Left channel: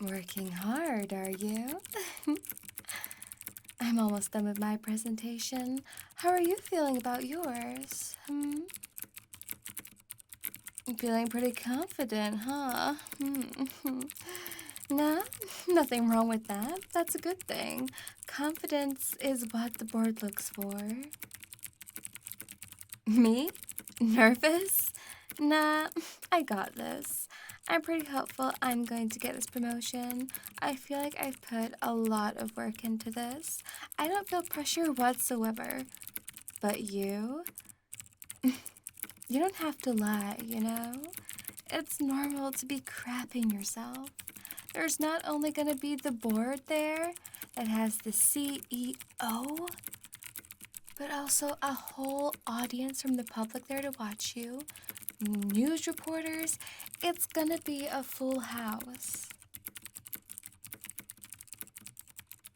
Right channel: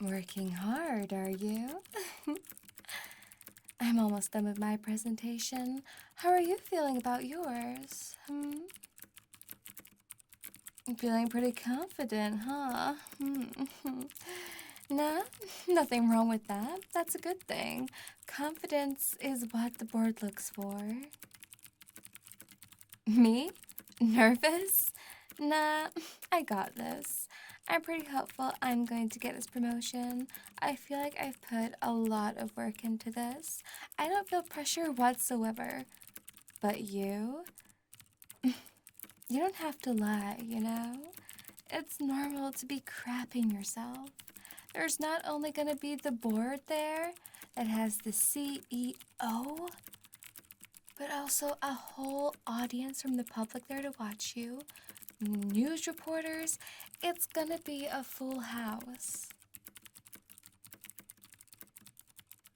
Working hard, are you? I'm almost done with my presentation. How are you feeling about yours? Feeling pretty confident, huh? Nah, nothing wrong with that. That's a good thing. Confidence is what the board looks for. Me? Nervous? Nah, I got this. I'm pretty hopeful I'm going to get this promotion. I feel like I've put a lot of work into this. I don't feel pressure whatsoever. But you? You don't have to lie, you know? It's normal to be crapping yourself. There's not only going to be the board there that has the CEO, but also a whole audience from the public there to watch you. News reporters, it's gonna be a full house.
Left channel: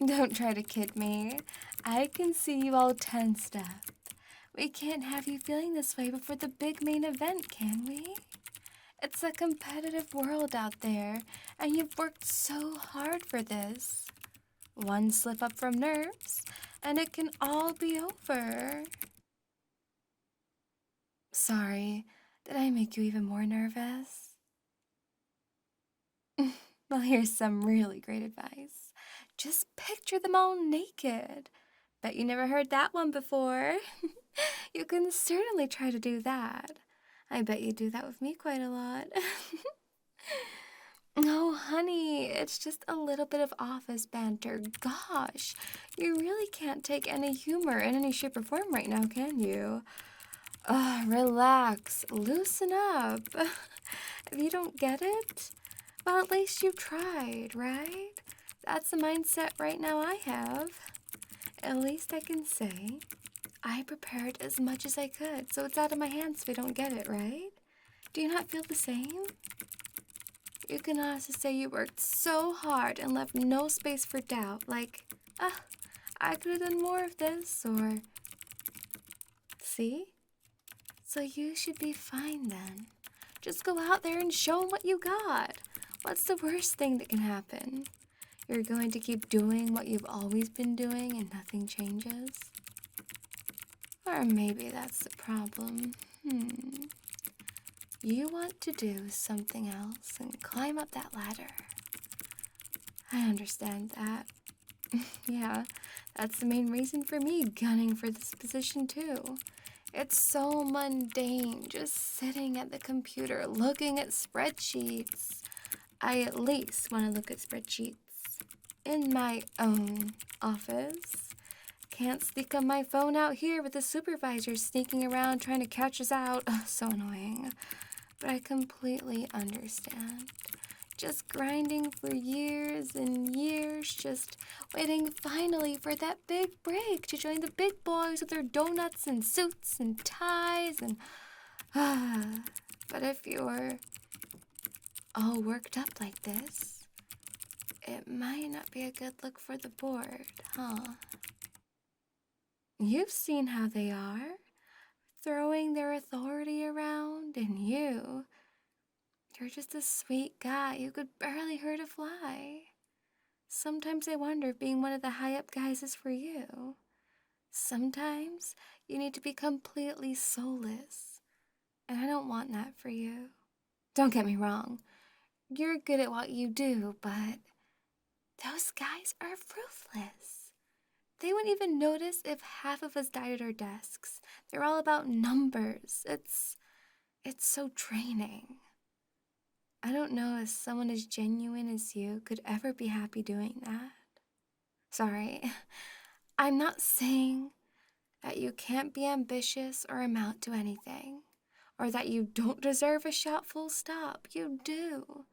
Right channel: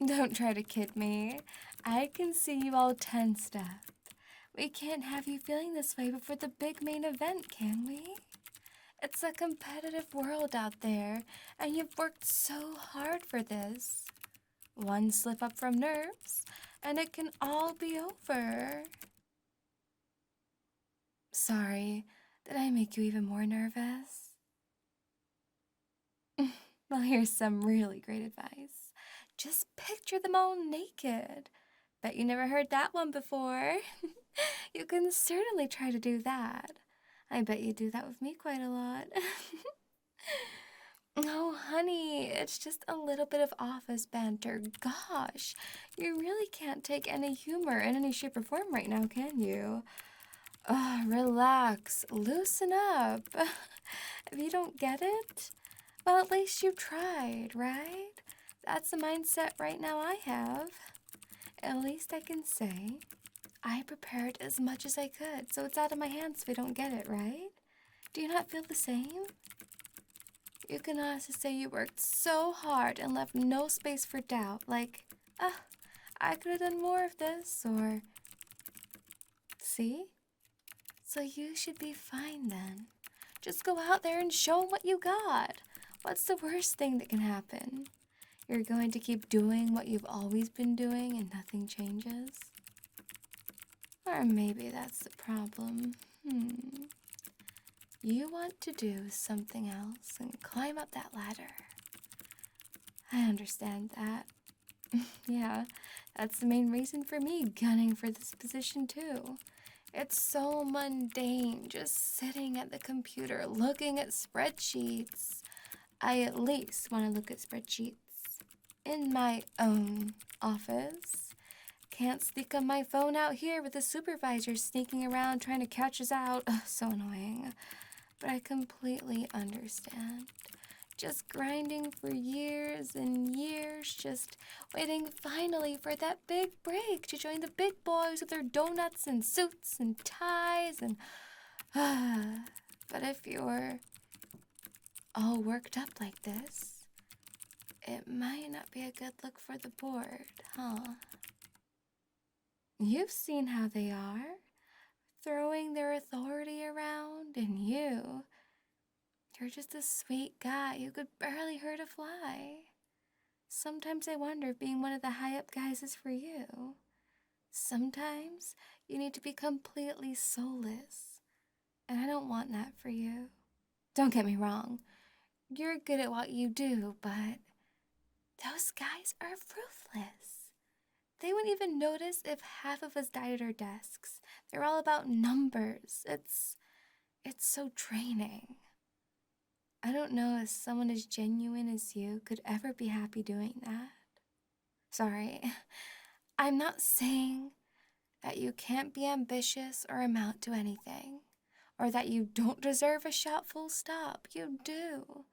Don't try to kid me. I can see you all tensed up. We can't have you feeling this way before the big main event, can we? It's a competitive world out there, and you've worked so hard for this. One slip up from nerves, and it can all be over. Sorry, did I make you even more nervous? Well, here's some really great advice. Just picture them all naked. Bet you never heard that one before. You can certainly try to do that. I bet you do that with me quite a lot. Oh, honey, it's just a little bit of office banter. Gosh, you really can't take any humor in any shape or form right now, can you? Oh, relax, loosen up. If you don't get it, well, at least you tried, right? That's the mindset right now I have. At least I can say I prepared as much as I could, so it's out of my hands if I don't get it, right? Do you not feel the same? You can also say you worked so hard and left no space for doubt, like, I could have done more of this, or, see? So you should be fine then. Just go out there and show 'em what you got. What's the worst thing that can happen? You're going to keep doing what you've always been doing and nothing changes? Or maybe that's the problem. You want to do something else and climb up that ladder. I understand that. Yeah, that's the main reason for me gunning for this position too. It's so mundane just sitting at the computer looking at spreadsheets. I at least want to look at spreadsheets in my own office. Can't sneak on my phone out here with the supervisor sneaking around trying to catch us out. Ugh, so annoying. But I completely understand. Just grinding for years and years, just waiting finally for that big break to join the big boys with their donuts and suits and ties and... But if you're all worked up like this, it might not be a good look for the board, huh? You've seen how they are, throwing their authority around, and you're just a sweet guy who could barely hurt a fly. Sometimes I wonder if being one of the high-up guys is for you. Sometimes you need to be completely soulless, and I don't want that for you. Don't get me wrong, you're good at what you do, but those guys are ruthless. They wouldn't even notice if half of us died at our desks. They're all about numbers. It's so draining. I don't know if someone as genuine as you could ever be happy doing that. Sorry, I'm not saying that you can't be ambitious or amount to anything, or that you don't deserve a shot full stop. You do.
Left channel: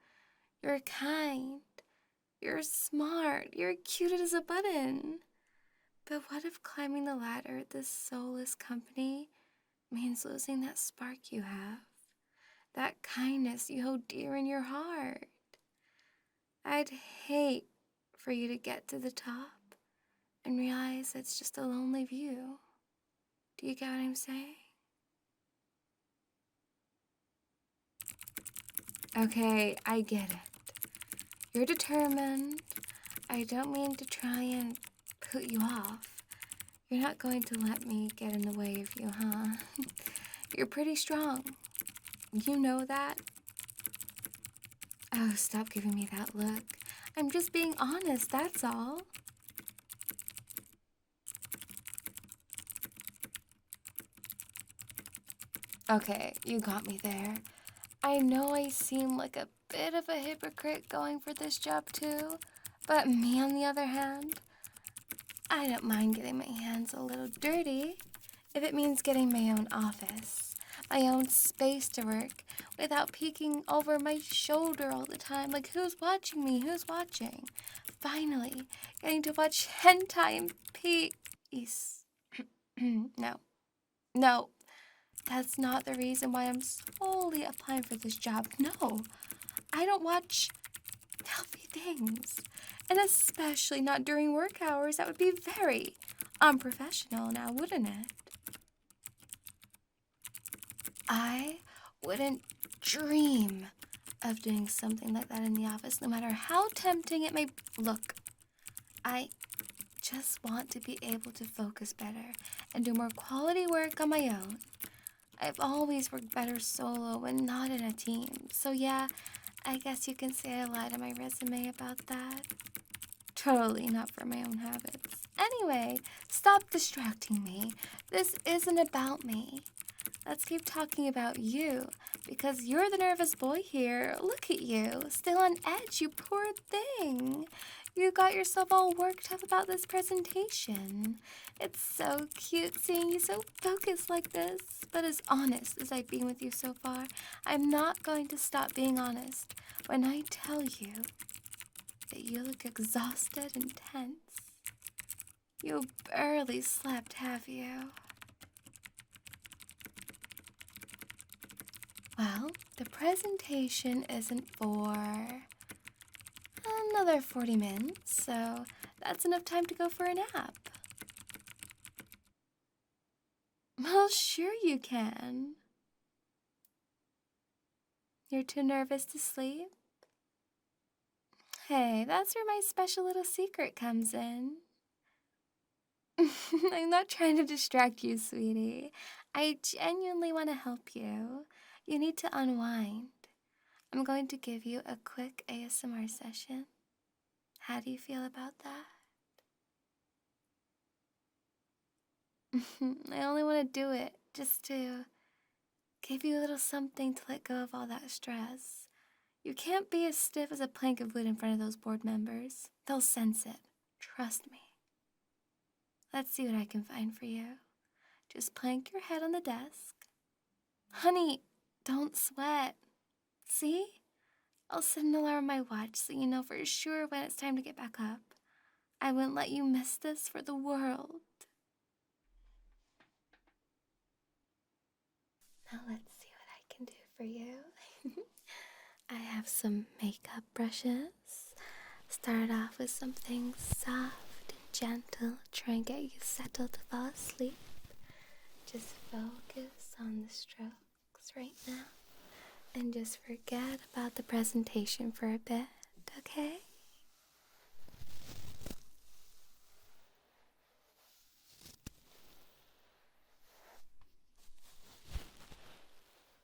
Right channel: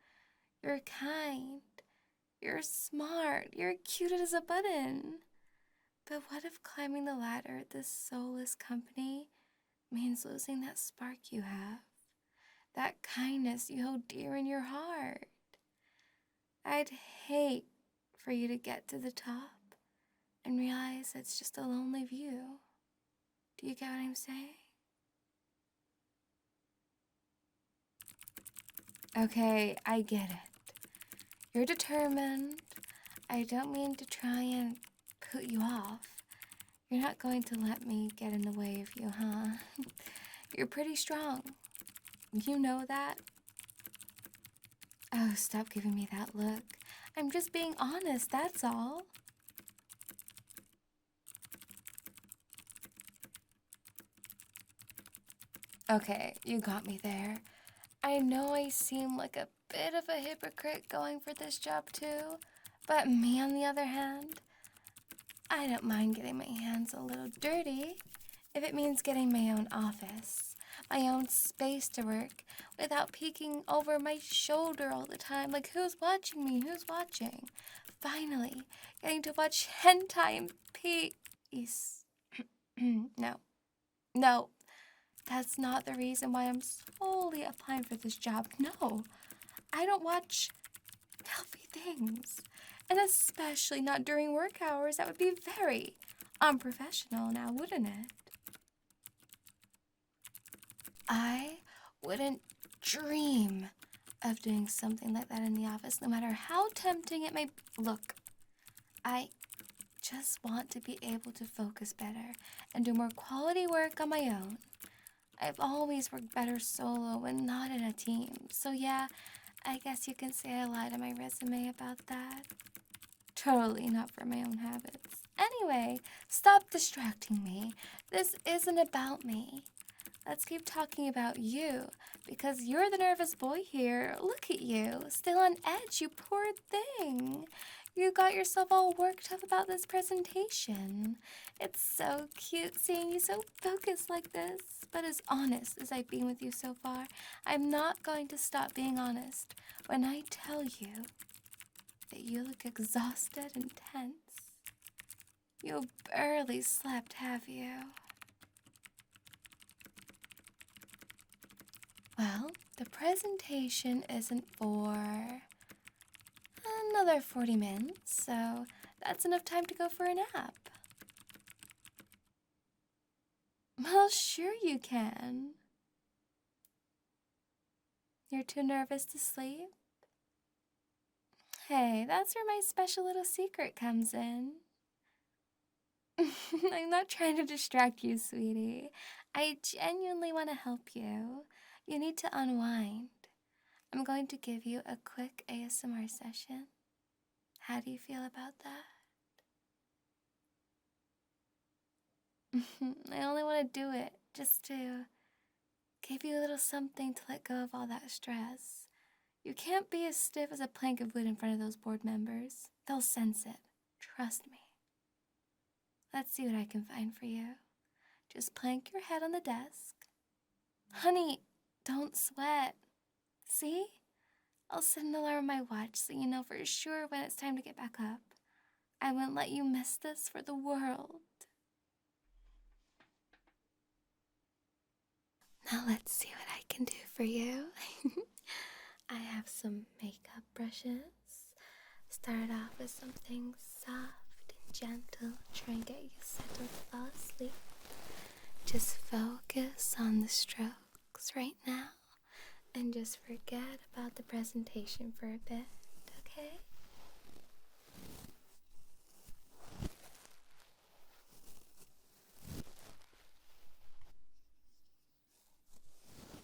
You're kind. You're smart. You're cute as a button. But what if climbing the ladder at this soulless company means losing that spark you have? That kindness you hold dear in your heart? I'd hate for you to get to the top and realize it's just a lonely view. Do you get what I'm saying? Okay, I get it. You're determined. I don't mean to try and put you off. You're not going to let me get in the way of you, huh? You're pretty strong. You know that? Oh, stop giving me that look. I'm just being honest, that's all. Okay, you got me there. I know I seem like a bit of a hypocrite going for this job too, but me on the other hand, I don't mind getting my hands a little dirty if it means getting my own office, my own space to work without peeking over my shoulder all the time like who's watching me, who's watching. Finally, getting to watch hentai in peace. No, that's not the reason why I'm solely applying for this job. No, I don't watch healthy things. And especially not during work hours. That would be very unprofessional now, wouldn't it? I wouldn't dream of doing something like that in the office, no matter how tempting it may look. I just want to be able to focus better and do more quality work on my own. I've always worked better solo when not in a team. So yeah, I guess you can say I lied on my resume about that. Totally not for my own habits. Anyway, stop distracting me. This isn't about me. Let's keep talking about you, because you're the nervous boy here. Look at you, still on edge, you poor thing. You got yourself all worked up about this presentation. It's so cute seeing you so focused like this. But as honest as I've been with you so far, I'm not going to stop being honest when I tell you that you look exhausted and tense. You barely slept, have you? Well, the presentation isn't for another 40 minutes, so that's enough time to go for a nap. Well, sure you can. You're too nervous to sleep? Hey, that's where my special little secret comes in. I'm not trying to distract you, sweetie. I genuinely want to help you. You need to unwind. I'm going to give you a quick ASMR session. How do you feel about that? I only want to do it just to give you a little something to let go of all that stress. You can't be as stiff as a plank of wood in front of those board members. They'll sense it. Trust me. Let's see what I can find for you. Just plank your head on the desk. Honey, don't sweat. See? I'll set an alarm on my watch so you know for sure when it's time to get back up. I wouldn't let you miss this for the world. Now let's see what I can do for you. I have some makeup brushes. Start off with something soft and gentle. Try and get you settled to fall asleep. Just focus on the strokes right now. And just forget about the presentation for a bit, okay?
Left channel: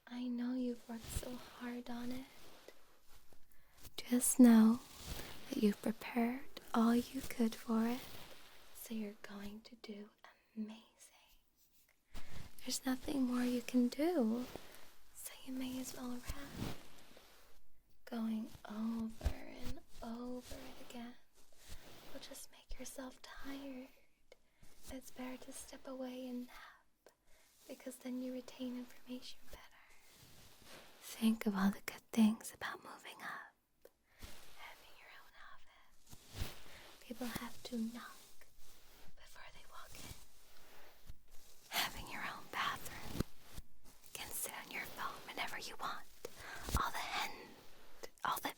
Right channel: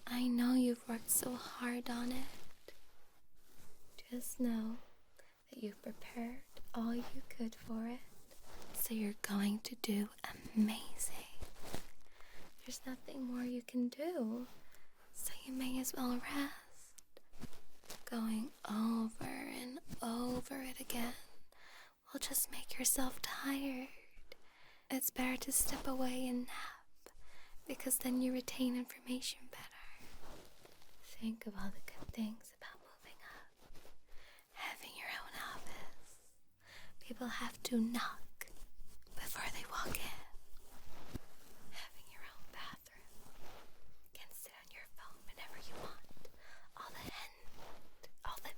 I know you've worked so hard on it. Just know that you've prepared all you could for it, so you're going to do amazing. There's nothing more you can do, so you may as well rest. Going over and over it again will just make yourself tired. It's better to step away and nap, because then you retain information better. Think of all the good things about moving up, having your own office. People have to knock before they walk in. Having your own bathroom. You can sit on your phone whenever you want. All the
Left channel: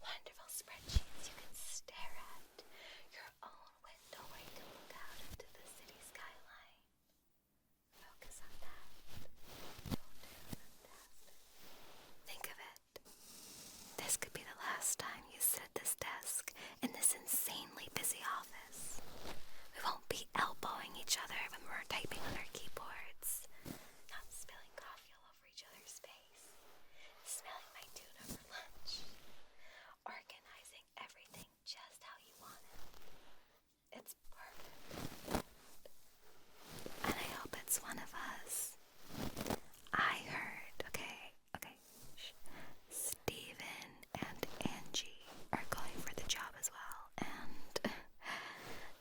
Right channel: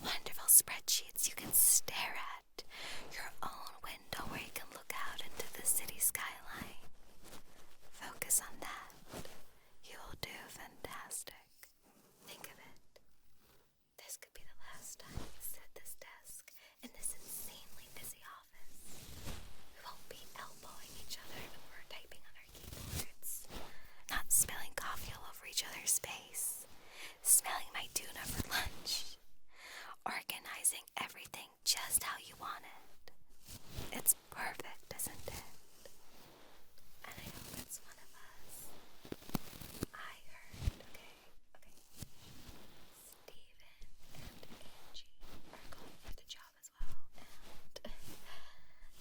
wonderful spreadsheets you can stare at. Your own window where you can look out into the city skyline. Focus on that. You'll do fantastic. Think of it. This could be the last time you sit at each other's space, smelling my tuna for lunch, organizing everything just how you want it. It's perfect, isn't it? And I hope it's one of us. I heard, okay, Steven and Angie are going for the job as well, and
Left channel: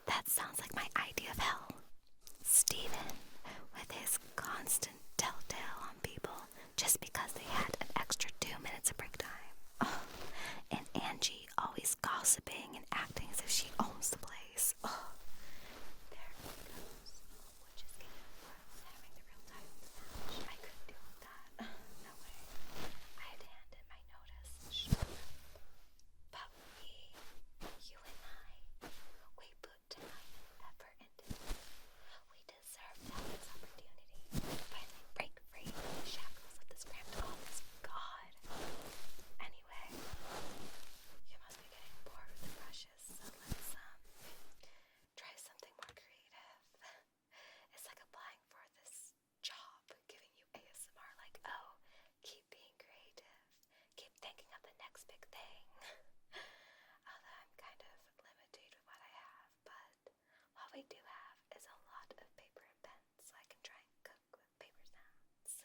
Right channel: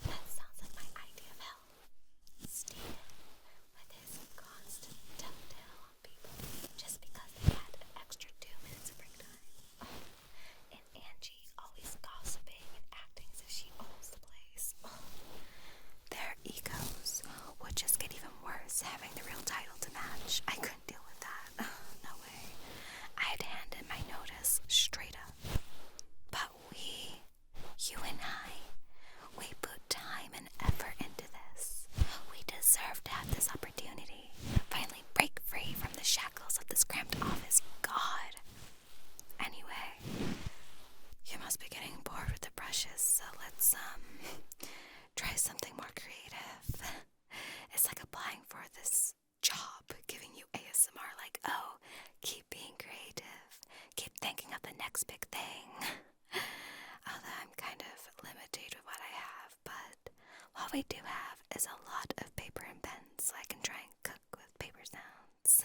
that sounds like my idea of hell. Steven, with his constant telltale on people just because they had an extra 2 minutes of break time. Oh, and Angie always gossiping and acting as if she owns the place. Oh, their egos would just get even worse having the real title to match. I couldn't deal with that. No way. I'd hand in my notice straight up. But you and I, we put time and effort into this. We deserve to have this opportunity. Finally break free from the shackles of this cramped office. God. Anyway, you must be getting bored with the brushes, so let's, try something more creative. It's like applying for this job, giving you ASMR, like, oh, keep being creative. Keep thinking of the next big thing. Although I'm kind of limited with what I have, but what we do have is a lot of paper and pens, so I can try and cook with paper sounds.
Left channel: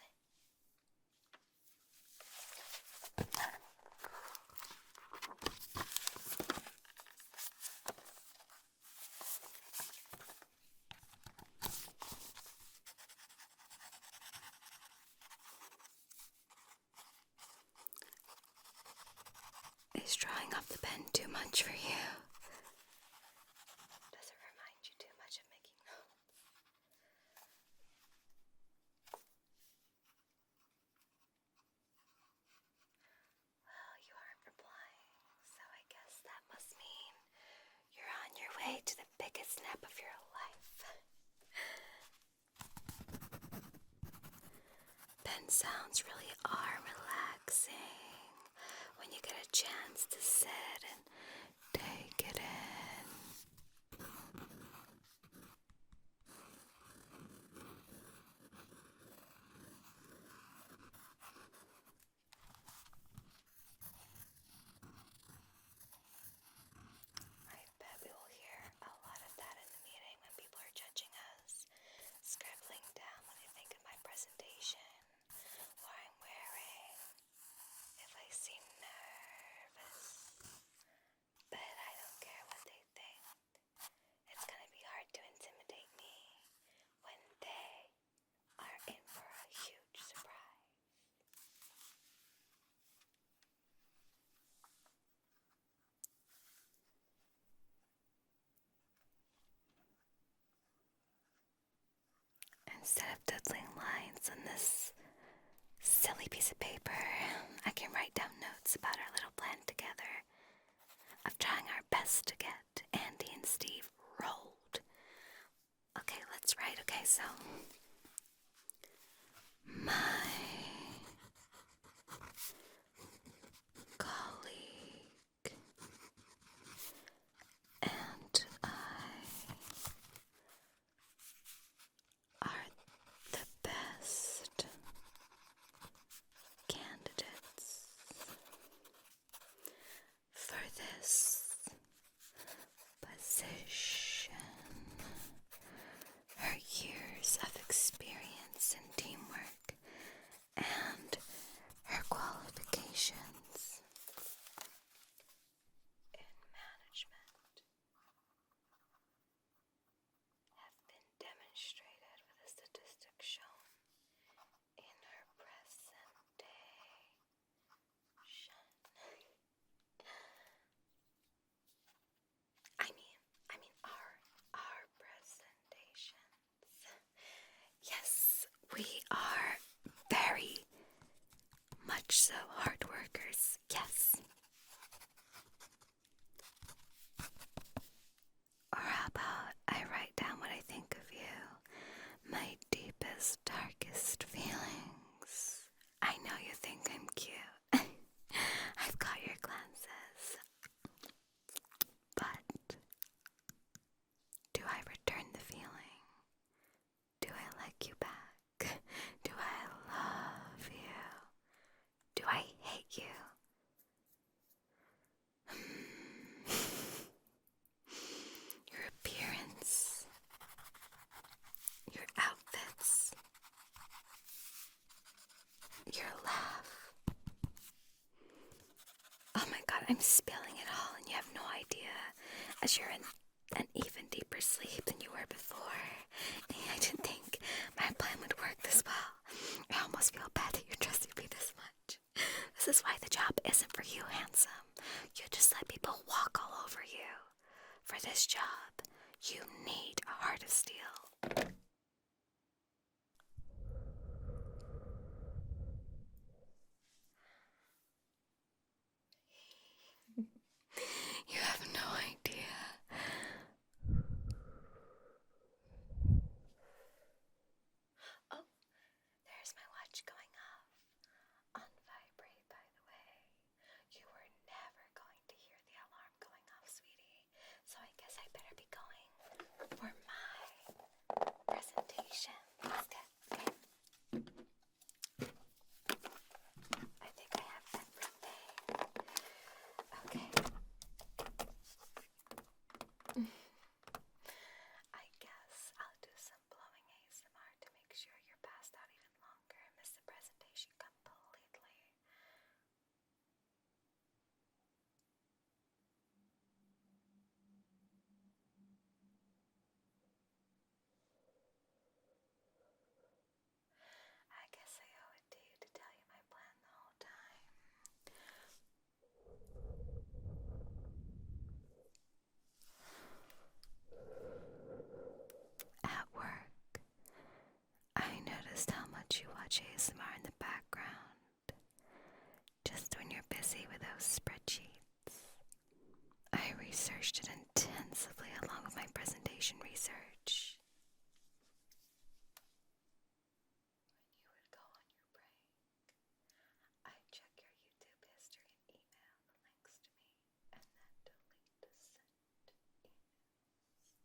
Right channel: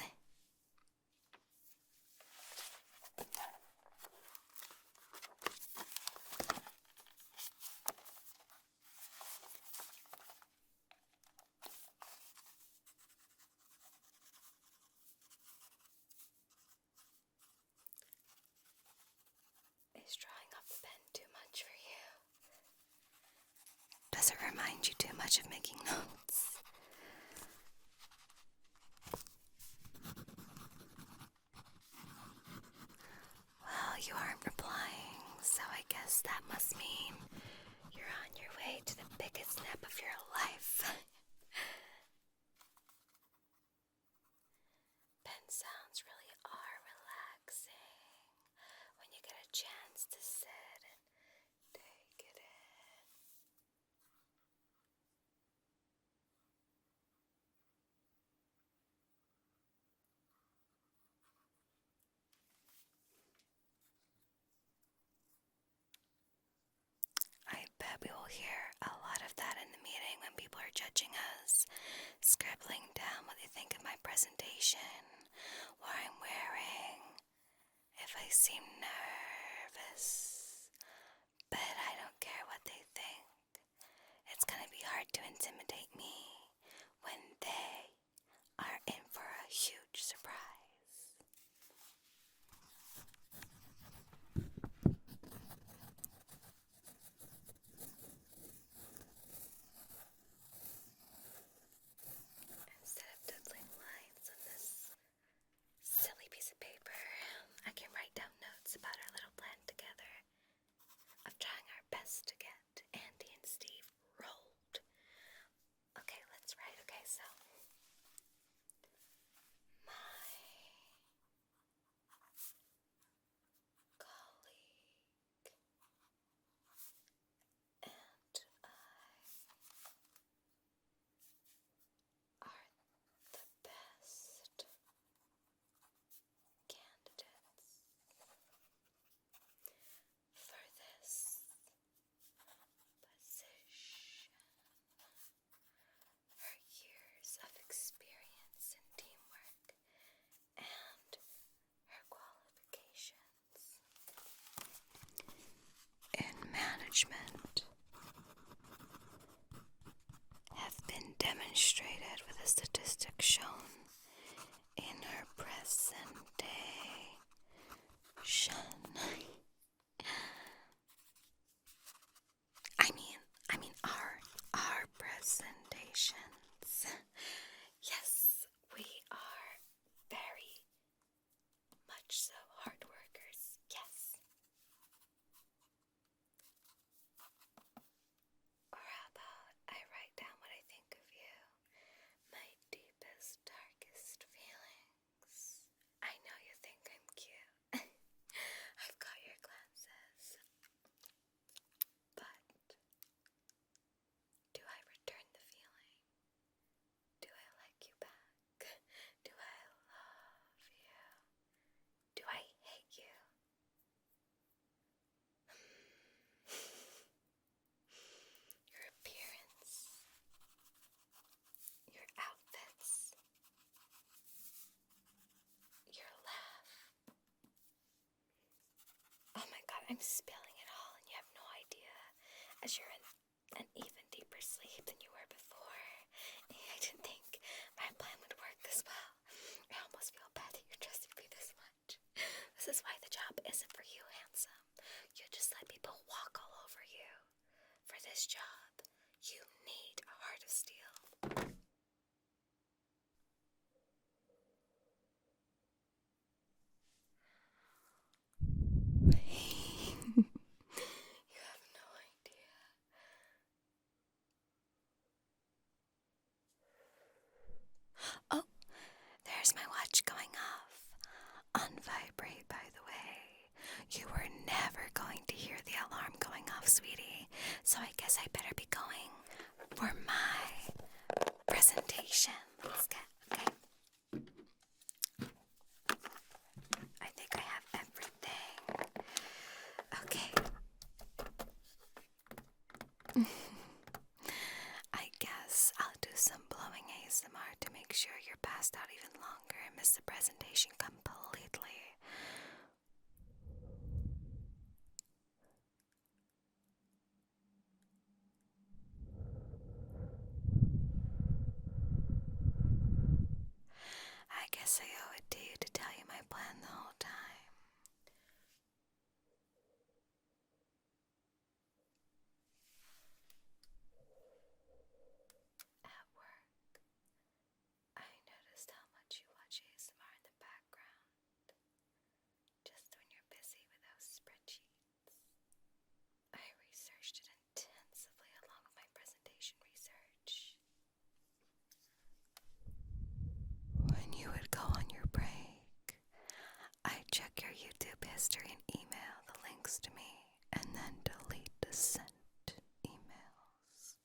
Is drawing off the pen too much for you? Does it remind you too much of making notes? Well, you aren't replying, so I guess that must mean you're on your way to the biggest nap of your life. Pen sounds really are relaxing when you get a chance to sit and take it in. I bet we will hear a lot of that in the meeting when people are judging us, scribbling down what they think of my presentation, what I'm wearing, if I seem nervous. But I don't care what they think. It's gonna be hard to intimidate me when they are in for a huge surprise. Instead of doodling lines on this silly piece of paper, I can write down notes about our little plan together of trying our best to get Andy and Steve rolled. Okay, let's write. Okay, so my colleague and I are the best candidates for this position. Her years of experience in teamwork and her qualifications in management have been demonstrated with a statistic shown in her presentation. I mean our presentations. Yes, we are very much so hard workers. Yes. Or how about I write down what I think of you, my deepest, darkest feelings. I know you think I'm cute. I've got your glances. But do I return the feeling? Do I like you back? Do I love you? your laugh. Oh my god, I'm spilling it all and you have no idea, as you're in an even deeper sleep than you were before. I didn't think my plan would work this well. I almost feel bad that you're trusting me this much. This is why the job isn't for you, handsome. You just let people walk all over you. For this job, you need a heart of steel. You have no idea. Oh, there's my watch going off. On vibrate, by the way. You were never going to hear the alarm going off, sweetie. So I guess I better be going for my presentation. Let's get, okay. I think I have everything. Okay. I guess I'll do some blowing ASMR to make sure you're passed out even longer and miss the presentation completely. I guess I owe it to you to tell you my plan the whole time. At work, I noticed how much you watch ASMR in the background, just when you're busy with those spreadsheets. I researched it intensively along with my presentation research. When you would go on your break, I'd check your YouTube history and email the links to me, and then delete the sent emails.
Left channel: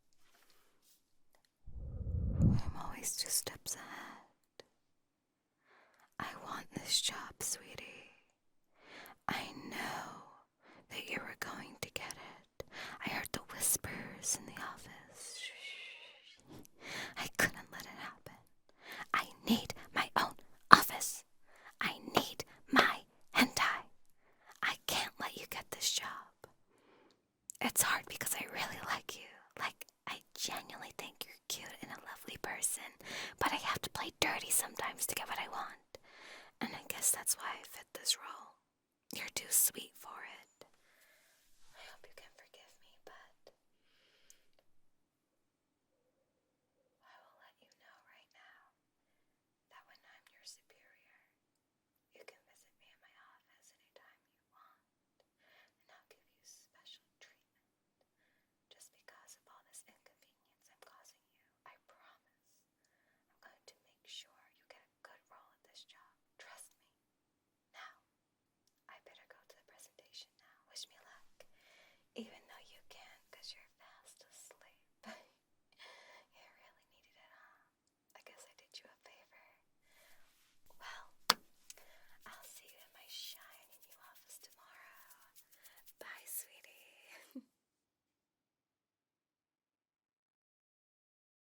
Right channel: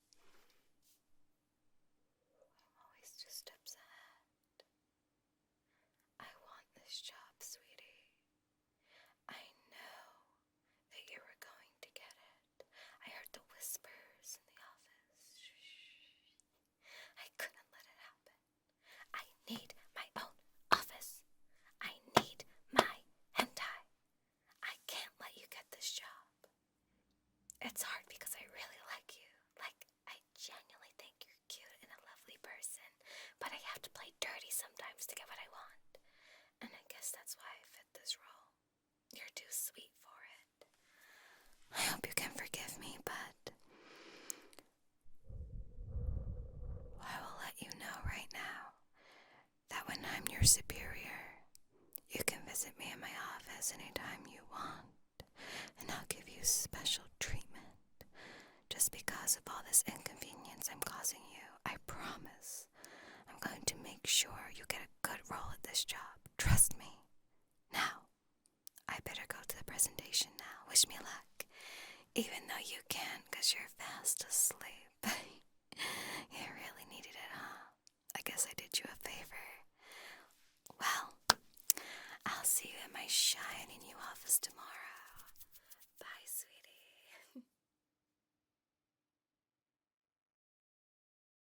I'm always 2 steps ahead. I want this job, sweetie. I know that you were going to get it. I heard the whispers in the office. I couldn't let it happen. I need my own office. I need my hentai. I can't let you get this job. It's hard because I really like you. Like, I genuinely think you're cute and a lovely person, but I have to play dirty sometimes to get what I want. And I guess that's why I fit this role. You're too sweet for it. I hope you can forgive me, but I will let you know right now that when I'm your superior, you can visit me in my office anytime you want, and I'll give you special treatment. Just because of all this inconvenience I'm causing you, I promise I'm going to make sure you get a good role at this job.